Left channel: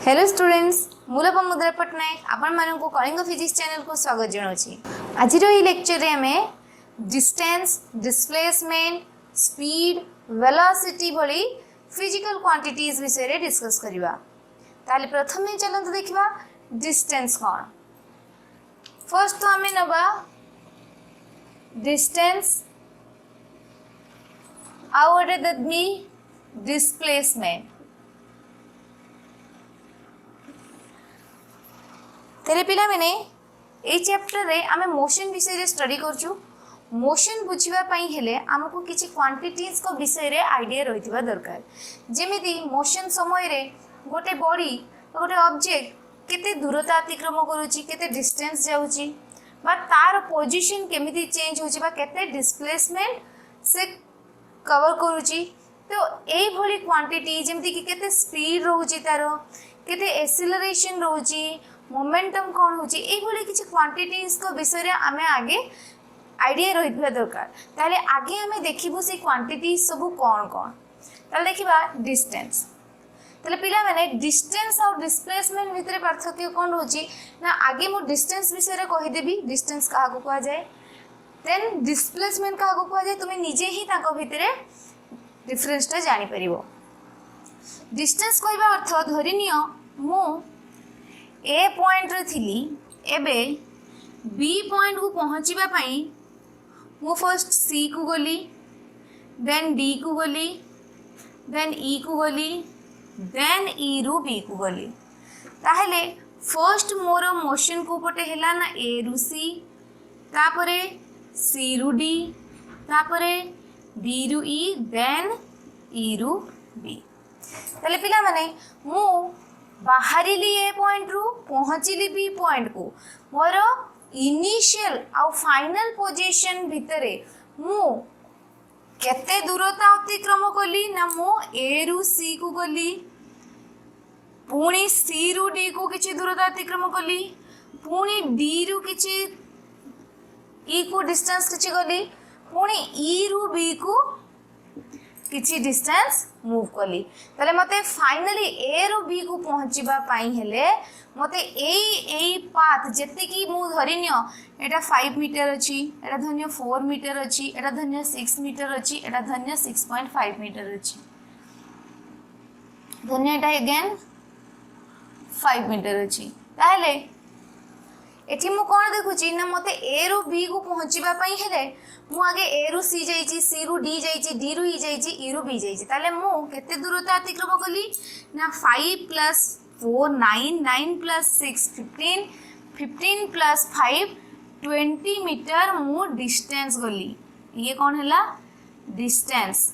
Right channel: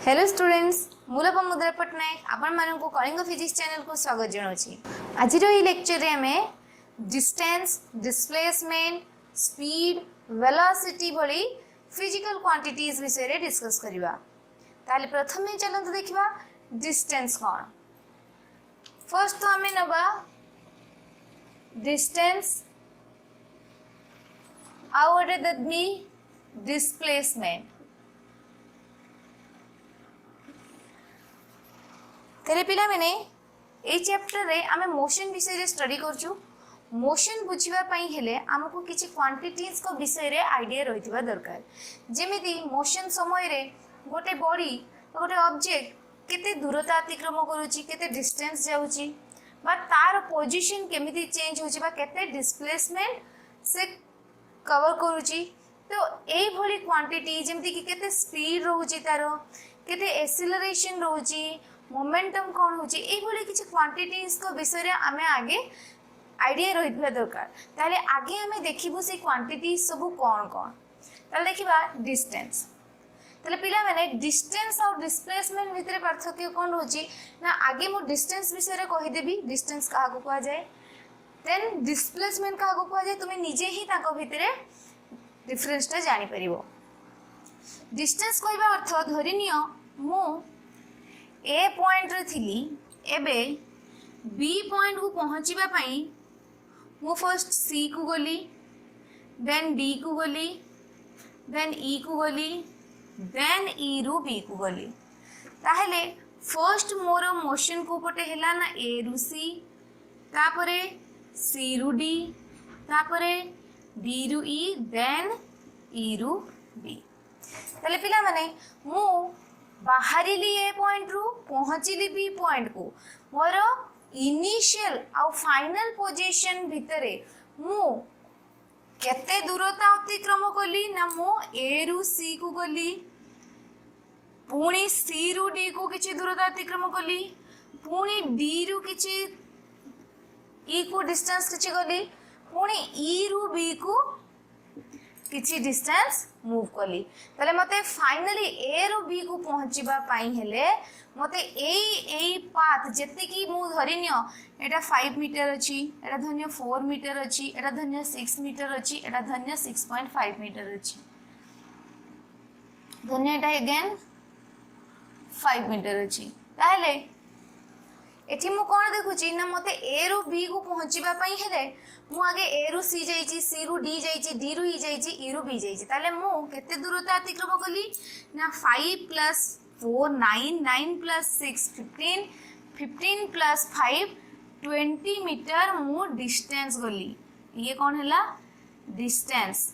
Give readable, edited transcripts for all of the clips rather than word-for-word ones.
Hello students मूल मुद्रा पट्टनायक आपण मानक कलिंग फिजिक्स चैनल को स्वागत जनाऊँगी। आज लेक्चर रे आमे डिस्टेंस डिस्प्लेसमेंट स्पीड वेलोसिटी भली फिजिकल क्वांटिटीज विषय रे डिस्कस करिवा। ताले प्रथम चलंतु देखिबा डिस्टेंस कौन। फर्स्ट तो आमे नबा डिस्टेंस आउ गोटे देबी डिस्प्लेसमेंट। तेरे पिला मैंने ए चैप्टर रे आमे मोशन विषय रे स्टडी करछु। मोशन बुझिबा पई हेले हमको किछि क्वांटिटीज को विषय रे आईडिया रहितबा दरकार। जेमिति मोशन समय रे गोटे बॉडी गोटे ऑब्जेक्ट केते दूरता अतिक्रम करूची, केते डिस्टेंस जाउची, बा तार पोजीशन केमिति चेंज होची, बा केते डिस्प्लेसमेंट से कवर करूची। तो ए भली क्वांटिटी जेमिति कि केते स्पीड रहूची, तार केते एक्सेलरेशन रहूची, मोमेंटम कौन होची, ए भली किछि क्वांटिटीज को विषय रे आमे आगे आईडिया रहितबा दरकार। ताले आगे आमे देखिबो से क्वांटिटीज सब कौन कौन। ताले देखिबा डिस्टेंस। ताले पिला माने डिस्टेंस और डिस्प्लेसमेंट भितर पार्थक्य कौन होची ना, आगे मो डिस्टेंस विषय रे कहि देबी डिस्टेंस काहा को कहा जाय, देन डिस्प्लेसमेंट काहा को कहा जाय, तुमे निजे ही ताको भितर डिफरेंस टा जानि परिबो। डिस्टेंस कहबा अर्थ धरिनियो मो ए पॉइंट रे थिली, एबे बी पॉइंट को पहुँचीबा पई मु फर्स्ट सी को गली, देन डी को गली, देन ई को गली, देन ई रु बी को गली। ताहले फर्स्ट मोर मोशन को पटे हेला ना ए रु सी, तापरे सी रु डी, तापरे डी रु ई, देन ई रु बी। ताहले पिला माने मु बाहरिली ए पॉइंट रु पहुँचली बी पॉइंट को, मोर इनिशियल आउ फाइनल पोजीशन भितरे मु केते दूरता अतिक्रम कली ना, मु ए रु सी को गली, पुणी सी रु डी को किछि दूरता अतिक्रम कली, पुणी डी रु किछि ई को डिस्टेंस किछि गली, पुणी ई रु बी को किछि डिस्टेंस मूव कली। ताले मते फाइनली ए रु बी को पहुँचीबा पाई हेले मते एई पाथ जेते कि मु धरिनियो एटा 5 मीटर अछि, एटा धन्य 4 मीटर अछि, एटा धन्य 6 मीटर अछि, एटा धन्य 6.5 मीटर अछि, धन्य एटा अगेन 5 मीटर अछि। ताले एठी मु कोन देखुची ना, मते ए रु बी को पहुँचीबा पाई हेले मु आगे ए रु सी जाइची, सी रु डी जाइची, डी रु ई जाइची, ई रु बी जाइची। ताले मु केते दूरता अतिक्रम कली ना 5 प्लस 4 9, 9 प्लस 6 15, 15 प्लस 5 20 मीटर मु डिस्टेंस गली। ये कौन हैला डिस्टेंस।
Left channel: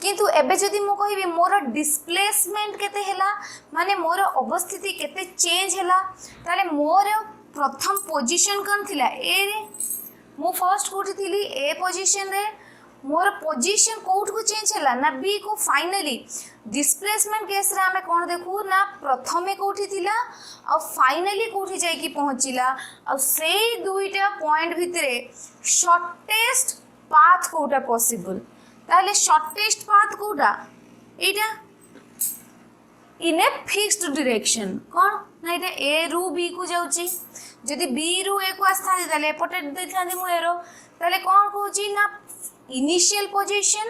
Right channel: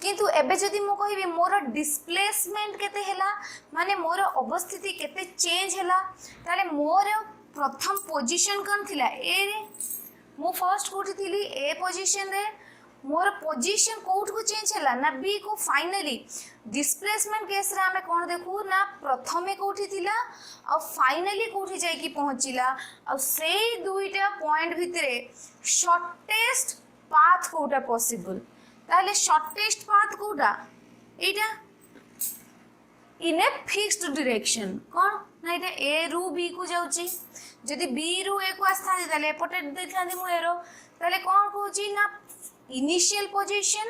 किंतु एबे जदि मु कहिबी मोर डिस्प्लेसमेंट केते हैला, माने मोर अवस्थिति केते चेंज हैला, ताले मोर प्रथम पोजीशन कौन थिला ए रे, मु फर्स्ट कोठी थिली ए पोजीशन रे, मोर पोजीशन कोठ को चेंज हैला ना बी को। फाइनली डिस्प्लेसमेंट केस रे हमें कोन देखु ना, प्रथमे कोठी थिला और फाइनली कोठी जाई की पहुंचिला, और से दुईटा पॉइंट भितरे शॉर्टेस्ट पाथ कोटा पॉसिबल। ताले shortest path Kota Etah in a fixed direction कौन ना, एटा ए रु बी को जाउची। जदि बी रु ए को आस्था ताले एपटे देखांदी मु एरो, ताले कोन कहूची ना इनिशियल पोजीशन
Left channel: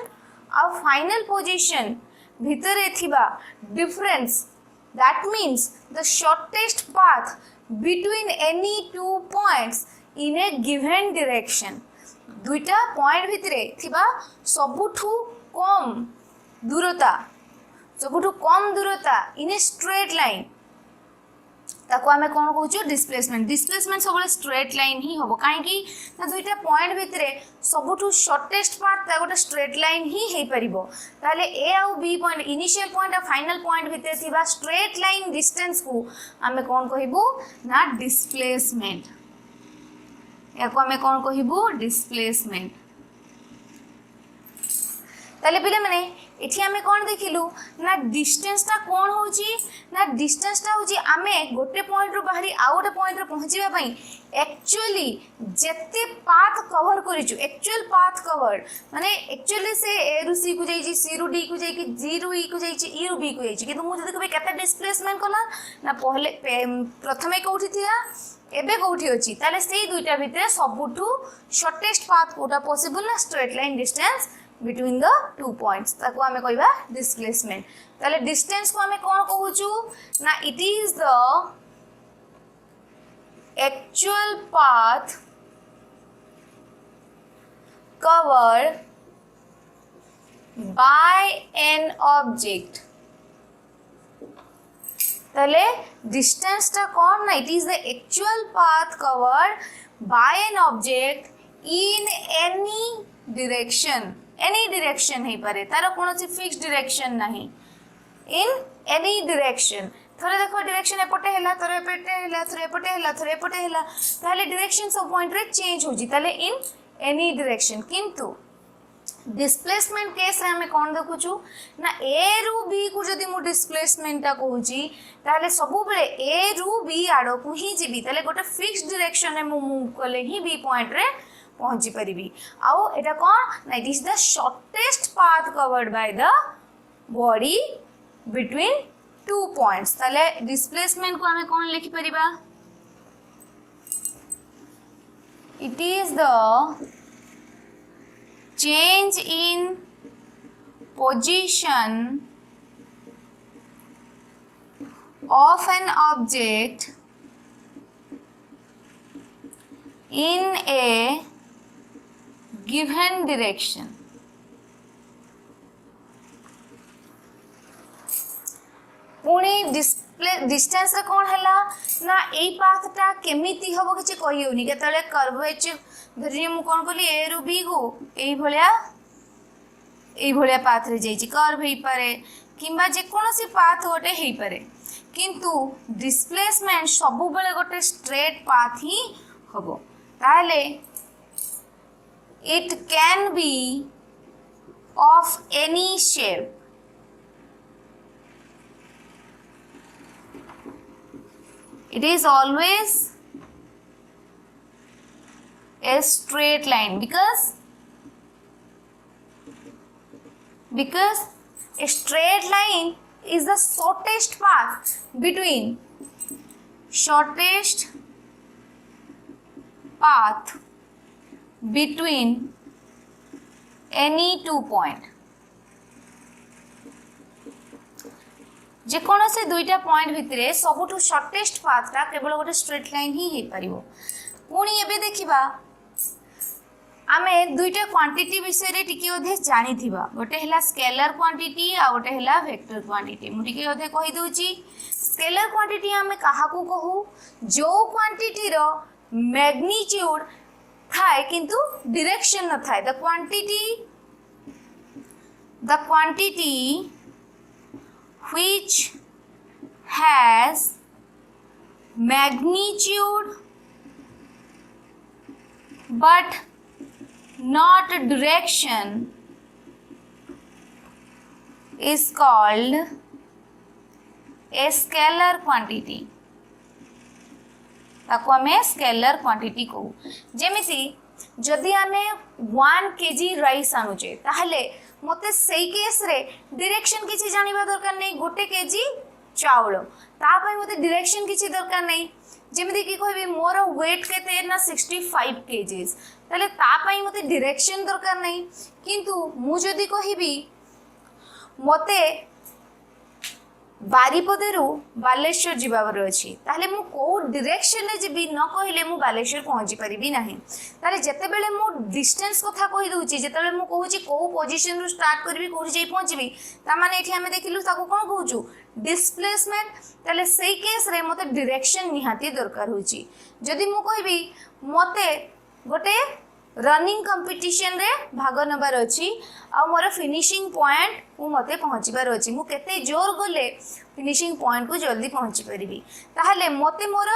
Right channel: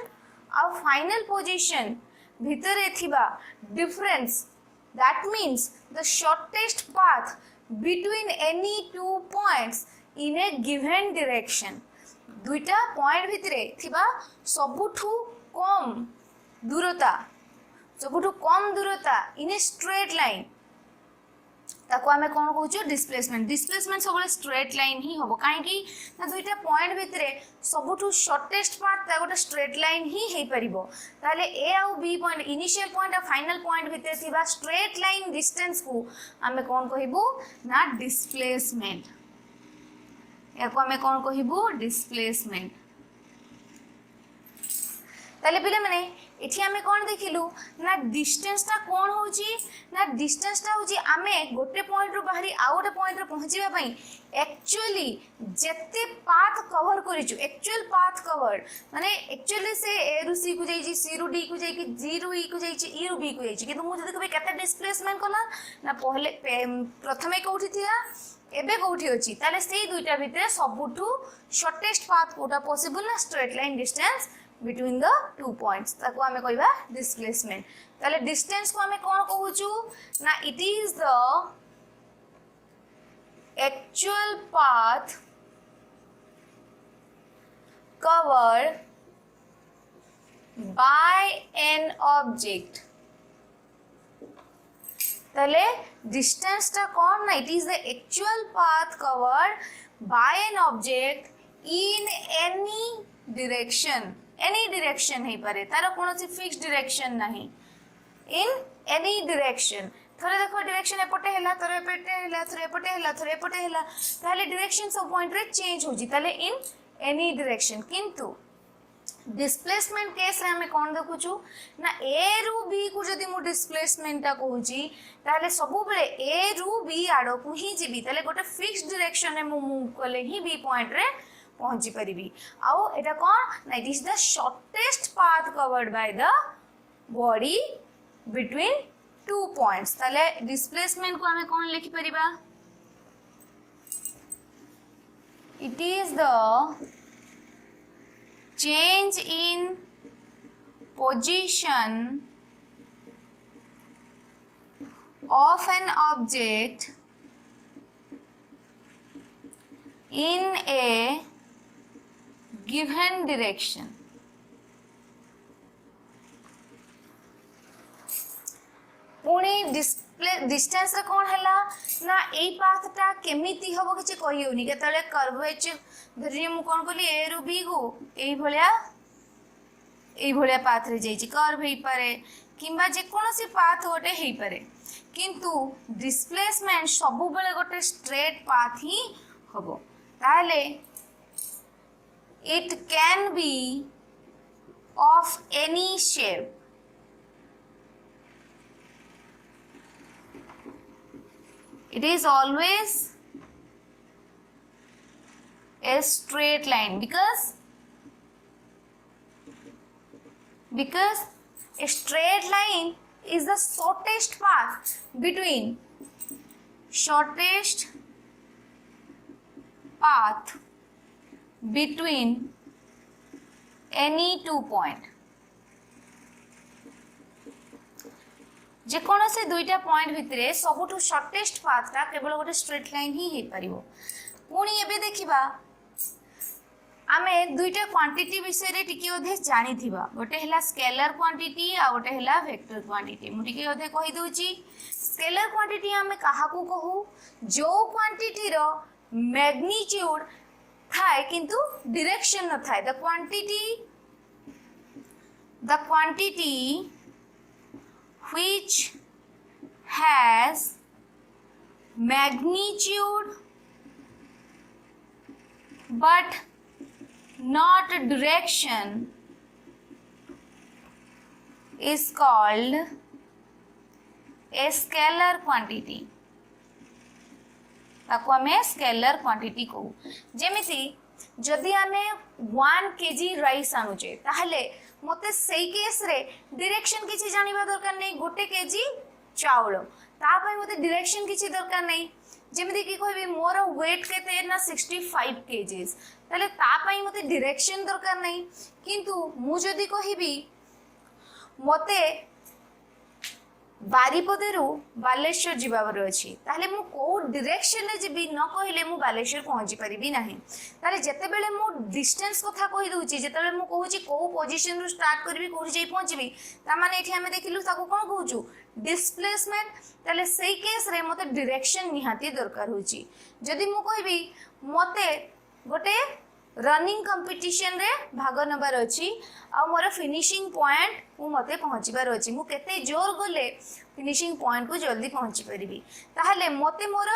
और फाइनल पोजीशन भितरे थिबा difference, that means the shortest path between any two points in A given direction. दुईटा पॉइंट भितरे थिबा सबुठु कम दूरता, सबुठु कम दूरता इन ए स्ट्रेट लाइन, ताको आमे कोन कहूचो डिस्प्लेसमेंट। डिस्प्लेसमेंट सबले स्ट्रेट लाइन ही होबो, काहे कि ना दुईटा पॉइंट भितरे सबुठु शॉर्टेस्ट पाथ ता गोटे स्ट्रेट लाइन ही हे परिबो। ताले ए और बी पॉइंट इनिशियल पॉइंट और फाइनल पॉइंट भितरे थिबा स्ट्रेट लाइन डिस्टेंस को आमे कोन कहिबो ना डिस्प्लेसमेंट। याको आमे कोन कहिबो डिस्प्लेसमेंट। ताले पिले माने एठी आमे कोन देखिलु ना डिस्टेंस टा कोन होची ना डिस्टेंस टा होची आमे गोटे पॉइंट रो बाहरी आ गोटे पॉइंट रो पहुंचीबा पई एक्चुअली जेते पाथ कवर करिचु एक्चुअल पाथ कवर माने एक्चुअली से ए रु सी को जाईची सी रु डी को जाईकी जी रु ई को जाईची ई रु बी को जाईची किंतु मु जदी कबे केते डिस्प्लेसमेंट कला ना पहले प्रथमे कोठी थिया एबे कोठी अछि ताले सेही दुईटा भितरे सबुठु शॉर्टेस्ट पाथ कोटा पॉसिबल ना straight line distance between the two points ताको हमें कहबा डिस्प्लेसमेंट ताले डिस्टेंस को हमें कोन कहूचु ना it is the actual path covered by an object ताले डिस्टेंस टा कोन ना it is the actual path covered bye an object in any direction है पारे तार कोनोसी फिक्स डायरेक्शन नहीं इन एनी डायरेक्शन थोड़े देखो डायरेक्शन एपटे हैला थोड़े एपटे हैला थोड़े एपटे हैला थोड़े एपटे हैला ताले डायरेक्शन सब पॉइंट रे चेंज होजी ताले इन एनी डायरेक्शन किंतु डिस्प्लेसमेंट केस रे हमें कोन देखुछु ना ए रु बी को जदी मु डिस्प्लेसमेंट ता कहूची ताले सबु बेले ए रु बी आडो को ही जेबी ताले गोटे फिक्स डायरेक्शन रे मु मूव करले ही बी पॉइंट रे पहुंची परिबी आउ एटा कोन ना it is the shortest path covered by the body between two points ताले डिस्प्लेसमेंट को हमें कोन लिखि परिबा it is the change in position of an object in a given direction पुणी डिस्टेंस रे कोन हैला ना एई पाथ टा केमिति हबो किछि कहि होनी केतले कर्वेचर धरिए मु कोन बोली ए रु बी को एई भलिया पाथ रे जाईची कर्व हेई पारे किंबा जे कोनोसी पाथ गोटे हेई पारे किंतु डिस्प्लेसमेंट सबु बेले गोटे स्ट्रेट पाथ ही हबो ताले it can be of any shape it is always a straight line because a straight line is the shortest path between any two point जे कोन से दुईटा पॉइंट भितरे सबुठु शॉर्टेस्ट पाथटा केवल गोटे स्ट्रेट लाइन ही हे परिबो पुणी एबे देखिबा आमे दुईटा क्वांटिटी विषय रे टिके ओधे जानि थिबा गोटे हला स्केलर क्वांटिटी आ गोटे हला वेक्टर क्वांटिटी मु टिके ओधे कहि दोची स्केलर क्वांटिटी आमे काहा को कहू जो क्वांटिटी रो मैग्नीट्यूड थाए किंतु डायरेक्शन न थाए the quantity which has magnitude but not direction is called a scalar quantity ताको हमें स्केलर क्वांटिटी कहू जेमिति जदि आमे 1 kg राइस आनुचे ताहले मते सेई केस रे डायरेक्शन किछि जानिबा दरकार नै गोटे केजी चावल ता पय मते डायरेक्शन किछि दरकार नै जेमिति कि कहबी मोर वेट केते ना 65 केजीस ताले ता पय मते डायरेक्शन दरकार नै किंतु मु जदी कहबी मते बारीपदेरु बालेश्वर जीवावर अछि ताले मु को डायरेक्शन ले जेबी न कहिले मु बालेश्वर पहुंची परिबी नाही ताले जते बेले मु डिस्टेंस कथा कहि दोची जते बेले मु कहूची को पोजीशन रु स्टार्ट करबी कोठी जाई पहुंचबी ता माने एठी हमें देखिलु ताको कोन कहूचु डिस्प्लेसमेंट ताले सेई केस रे मते डायरेक्शन निहाती दरकार होची जदी मु कहबी मते गोटे रनिंग कंपटीशन रे भाग नबार अछि आ मोर फिनिशिंग पॉइंट को मते पहुंचीबार अछि मु केते जोर गले फिनिशिंग पॉइंट को जल्दी पहुंची परिबी ताहले मते मोर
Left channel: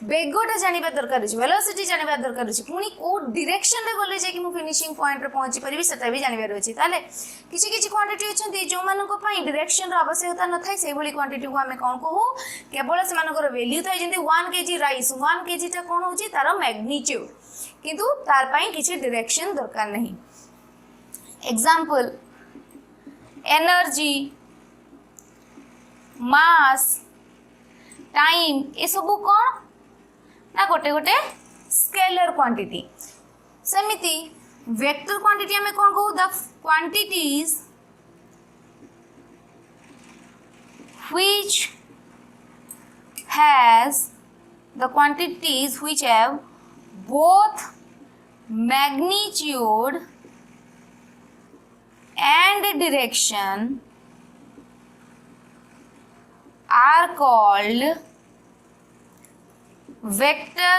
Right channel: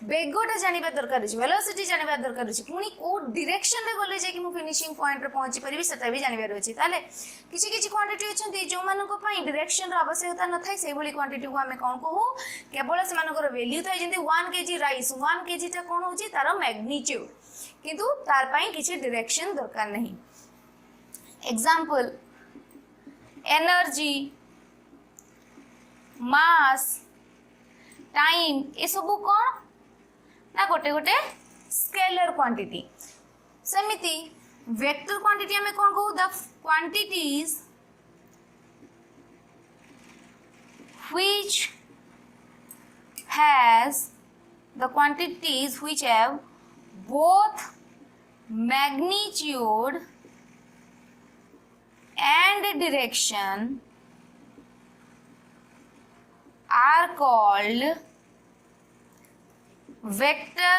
बेगटा जानिबा दरकार अछि, वेलोसिटी जानिबा दरकार अछि, पुनी को डायरेक्शन रे गले जे कि मु फिनिशिंग पॉइंट रे पहुंची परिबी सेटा भी जानिबार अछि। ताले किछि किछि क्वांटिटी अछंती जो मानको पई डायरेक्शन रो आवश्यकता न थाई सेहि भली क्वांटिटी को हमें कोन कहू केवल से मानकर वैल्यू थाई जेंति 1 केजी राइस 1 केजी ता कोन होची तार मैग्नीट्यूड किंतु तार पई किछि डायरेक्शन दरकार नहीं। एग्जांपल एनर्जी मास टाइम ए सब कोन ना गोटे गोटे स्केलर क्वांटिटी। सेमिति वेक्टर क्वांटिटी हमें कौन कहू the quantities which have both magnitude and direction are called vector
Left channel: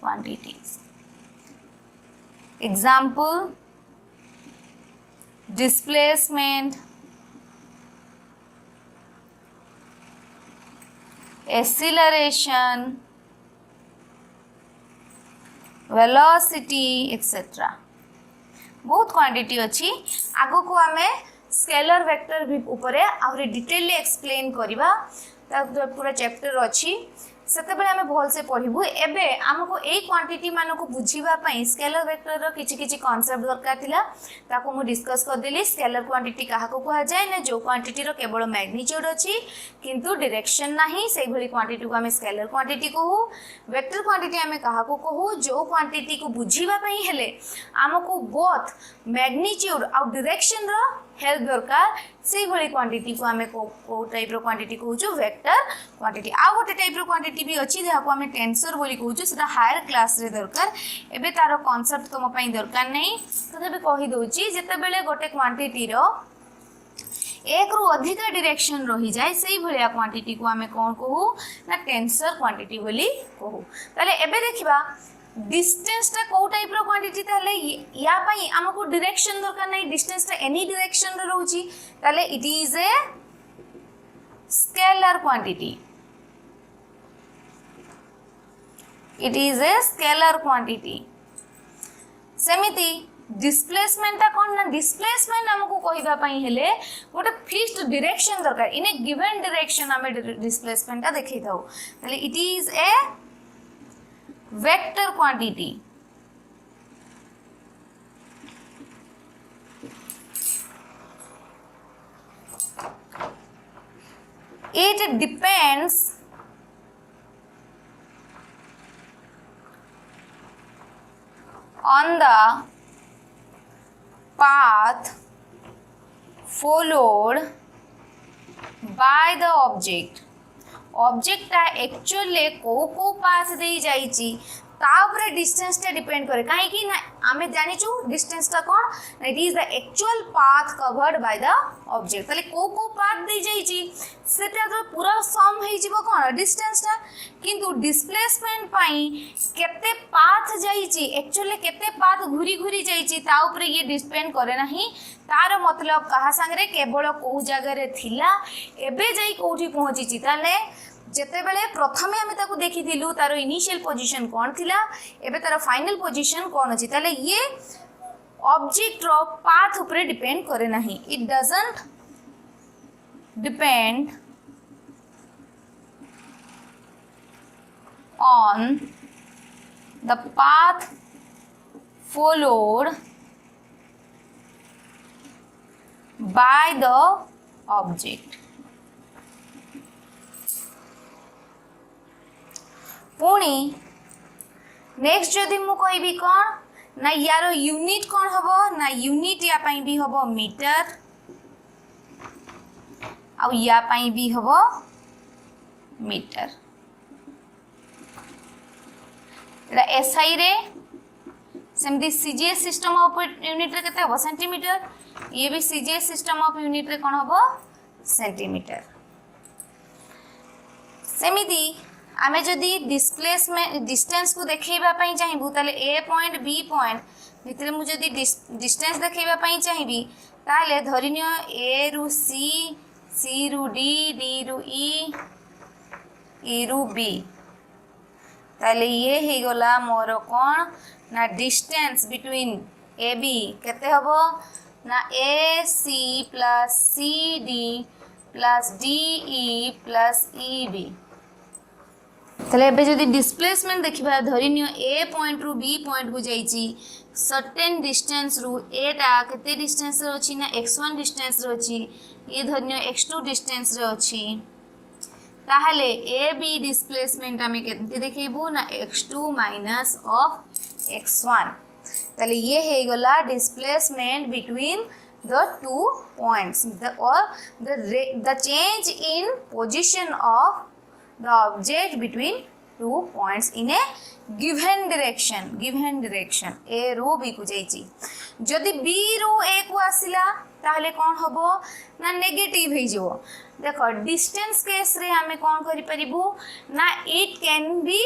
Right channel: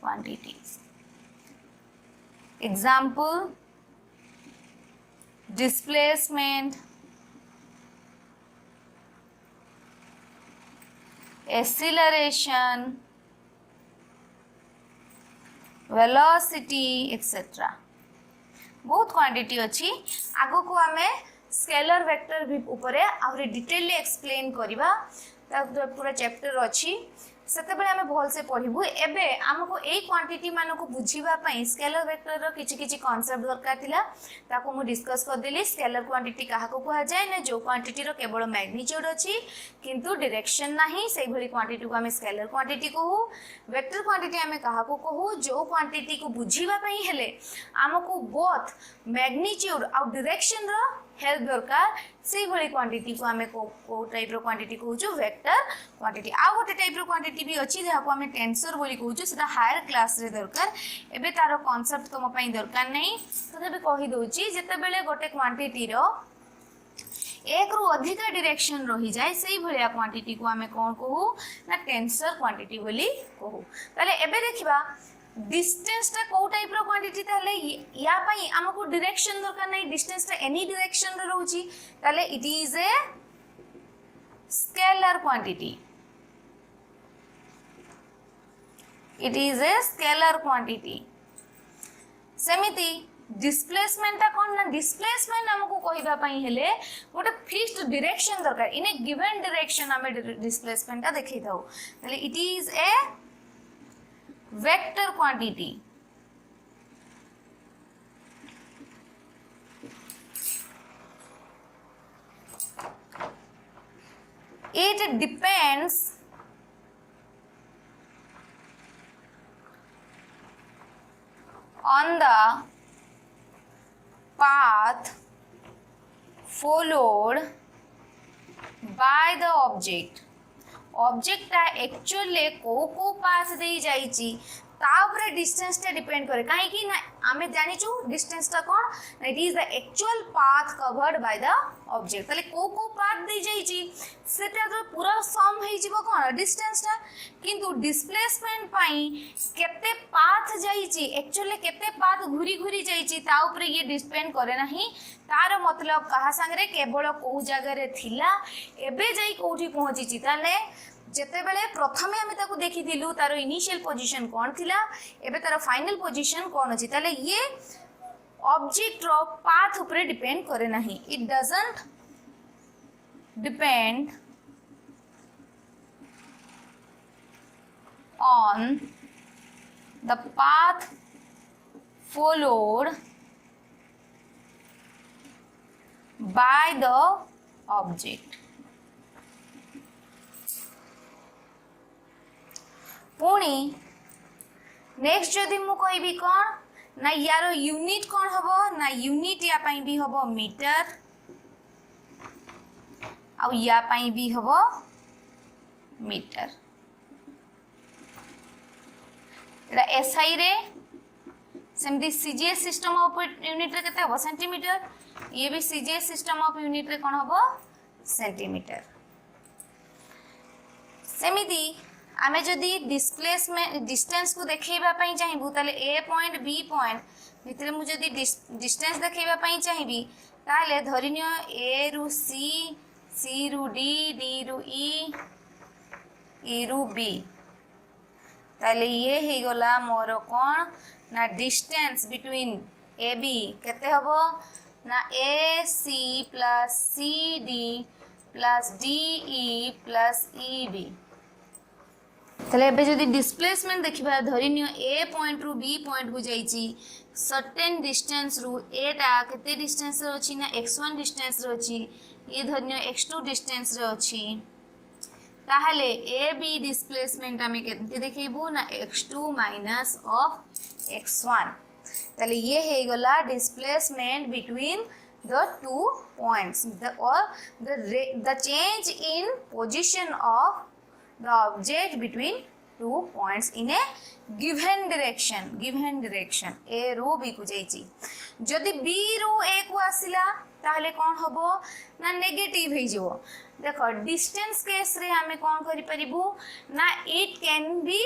quantities. Example displacement, acceleration, velocity etc. बहुत क्वांटिटी अच्छी आगो को आमे स्केलर वेक्टर ऊपर आहुरी डिटेल एक्सप्लेन करिबा पूरा चैप्टर अच्छी सेते बेले आमे भल से पढिबु। एबे हमको ए क्वांटिटी मानको बुझिबा पई स्केलर वेक्टर रो किछि किछि कांसेप्ट दरकार थिला ताको मु डिस्कस कर देली। स्केलर क्वांटिटी काहा को कहा जाय ना जो क्वांटिटी रो केवल मैग्नीट्यूड अछि किंतु डायरेक्शन नाही सेही भली क्वांटिटी को हमें स्केलर क्वांटिटी कहू। वेक्टर क्वांटिटी हमें काहा को कहू जो क्वांटिटी को बुझिबा पई हेले हमको बोथ मैग्नीट्यूड और डायरेक्शन रो हेल्प दरकार से भली क्वांटिटी को हमें को टाइप रो क्वांटिटी कहूछु वेक्टर क्वांटिटी। आ गोटे टाइप रो क्वांटिटी भी अछि जहा को हमें टेंसर बोली कहूछु सेटा हायर क्लास रे दरकार। एबे तारो कांसेप्ट तम पई दरकार नहीं तबे कहि दोची जेते बेले गोटे क्वांटिटी रो एक रु अधिक डायरेक्शन रही जाए से भलिया क्वांटिटी को हमें कोन कहू ना टेंसर क्वांटिटी बोली कहू। ताले एबे देखिबा डिस्टेंस टा को टाइप रो क्वांटिटी ताले या पई हमको डायरेक्शन दरकार नहीं डिस्टेंस टा एनी डायरेक्शन रे रहउची ताले it is a scalar quantity. It is a scalar quantity. सेमिति डिस्प्लेसमेंट टा कोन ना डिस्प्लेसमेंट हमको कहिबा पई हेले गोटे फिक्स्ड डायरेक्शन दरकार इन ए गिवन डायरेक्शन हमें डिस्प्लेसमेंट टा देखै थाउ ताले it is A vector quantity. It depends on the path followed by the object. Object actually को पाथ दे जाइची ता ऊपर डिस्टेंस टा डिपेंड करे काहे कि ना हमें जानि छु डिस्टेंस टा कोन it is the actual path covered by the object तले को पाथ दे जाइची सेटा तो पूरा सम हे जिवो कोन डिस्टेंस टा किंतु डिस्प्लेसमेंट पई केते पाथ जाइची एक्चुअली केते पाथ घुरी घुरी जाइची ता ऊपर ये डिपेंड करे नाही तार मतलब कहा संगे केवल को जगह रे थिला एबे जाई कोठी पहुंचीची ताले जेते बेले प्रथमे हमें ताको देखि दिलु तारो इनिशियल पोजीशन कोन थिला एबे तारो फाइनल पोजीशन कोन अछि ताले ये ऑब्जेक्ट रो पाथ ऊपर डिपेंड करे नाही it doesn't depend on the path followed by the object. पुणी नेक्स्ट जदि मु कहबी कोन ना यारो यूनिट कोन हबो ना यूनिट या पई भी हबो मीटर आ या पई भी हबो मीटर एटा एसआई रे सेमती सीजीएस सिस्टम ऑफ यूनिट रे केते हबो सेंटीमीटर ये भी सीजीएस सिस्टम ऑफ यूनिट रे कोन हबो सेंटीमीटर। सेमिति आमे जदि डिस्प्लेसमेंट डिस्टेंस को देखैबा पई चाहिबू ताले ए पॉइंट बी पॉइंट भितरे मु जदि डिस्टेंस देखैबा पई चाहिबी ताले धरिनियो ए रु सी सी रु डी डी रु ई ए रु बी ताले ये ही गला मोर कौन ना डिस्टेंस बिटवीन ए बी केते हबो ना A C plus C D plus D E plus E B ताले एबे जदि डिस्प्लेसमेंट देखिबा धरि नियो ए पॉइंट रु बी पॉइंट को जाईची सर्टेन डिस्टेंस रु एटा केते डिस्टेंस रे अछि ना x1 डिस्टेंस रे अछि ये धरि नियो x2 डिस्टेंस रे अछि ताहले ए बी डिस्प्लेसमेंट हमें केते देखिबो ना x2 माइनस ऑफ x1 ताले ये हे गला displacement between the two points the change in position of the object between two points in a given direction a row b को जाईची जदि b रो a को आसिला ताहले कोन हबो ना नेगेटिव हे जो देखो डिस्टेंस केस रे हमें कोन करि परिबो ना इट कैन बी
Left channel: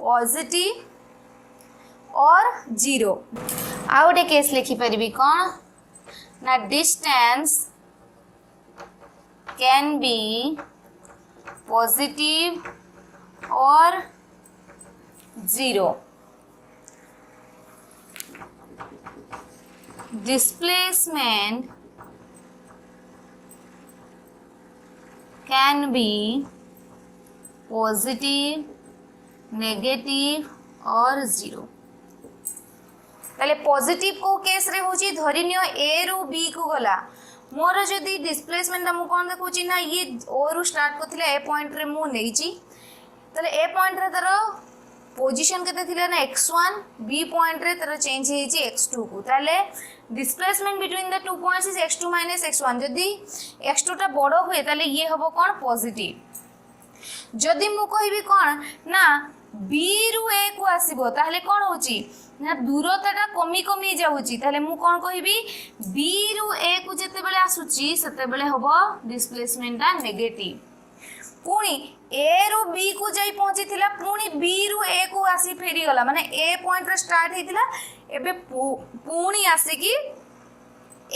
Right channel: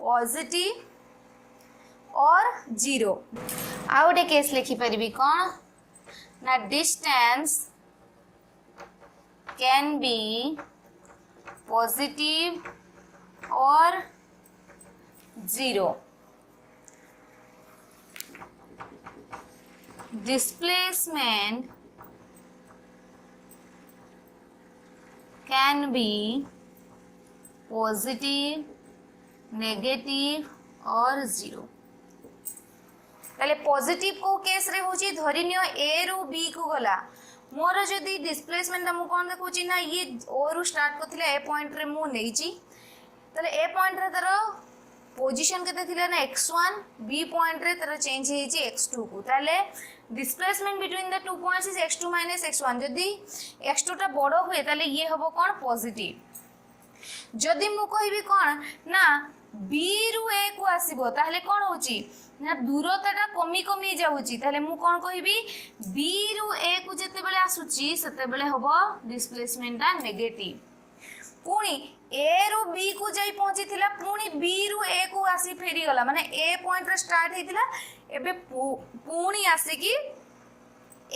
पॉजिटिव और जीरो आउटे केस लिखि परिबी कोन ना distance can be positive or zero. Displacement can be positive, negative or zero. ताले पॉजिटिव को केस रे होची धरि नियो ए रु बी को गला मोर जदी डिस्प्लेसमेंट हम कोन देखुची ना ये ओ रु स्टार्ट करथिले ए पॉइंट रे मु नेइची ताले ए पॉइंट रे तारो पोजीशन केते थिले ना x1 बी पॉइंट रे तारो चेंज हेची x2 को ताले displacement between the two points is x2 minus x1 जदी x2 टा बडो हुए ताले ये हबो कोन पॉजिटिव जदी मु कहबी कोन ना b रु a को आसीबो ताले कोन होची ना दूरताटा कमी कमी जाउची ताले मु कोन कहबी b रु a को जते बेले आसुची सते बेले हबो डिस्प्लेसमेंट टा नेगेटिव पुनी a रु b को जाई पहुंची थिला पुनी b रु a को आसी फेरी गला माने a पॉइंट रे स्टार्ट हेतिला एबे पुनी आसी की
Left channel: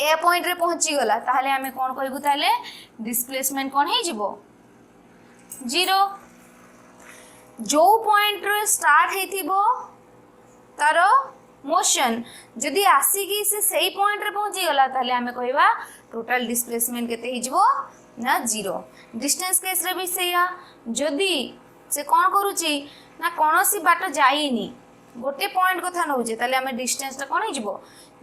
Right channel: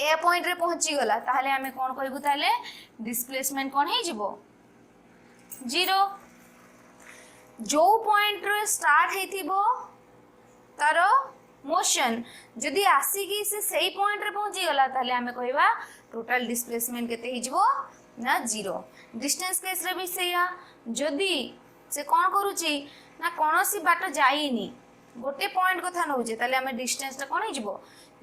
a पॉइंट रे पहुंची गला ताले हमें कोन कहबू ताले डिस्प्लेसमेंट कोन हे जिवो जीरो जो पॉइंट रे स्टार्ट हेतिबो तारो मोशन जदि आसीकी से सही पॉइंट रे पहुंची गला ताले हमें कहबा टोटल डिस्प्लेसमेंट केते हिजबो ना जीरो डिस्टेंस केस रे भी सेया जदि से कोन करूची ना कोनोसी बाट जाईनी गोटे पॉइंट कथा नउजे ताले हमें डिस्टेंस ता कोन हिजबो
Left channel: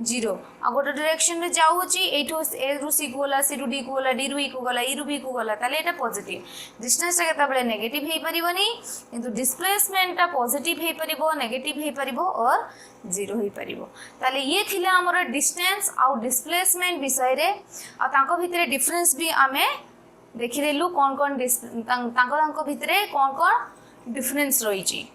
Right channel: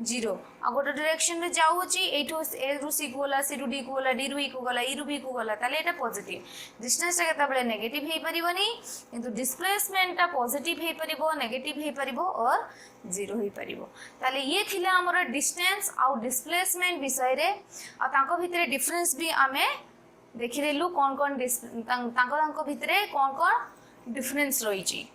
जीरो आ गोटे डायरेक्शन रे जाउची एठो ए रु सी को गला सी रु डी को गला डी रु ई को गला ई रु बी को गला ताले एटा पॉजिटिव डिस्टेंस ता केता बळे नेगेटिव हे परिबोनी किंतु डिस्प्लेसमेंट ता पॉजिटिव हे परिबो नेगेटिव हे परिबो और जीरो हे परिबो ताले ये थिला हमर डिस्टेंस आ डिस्प्लेसमेंट विषय रे आ तांको भितरे डिफरेंस भी आमे देखि देलु कोन कोन तांको भितरे कोन कोन डिफरेंस रहिची।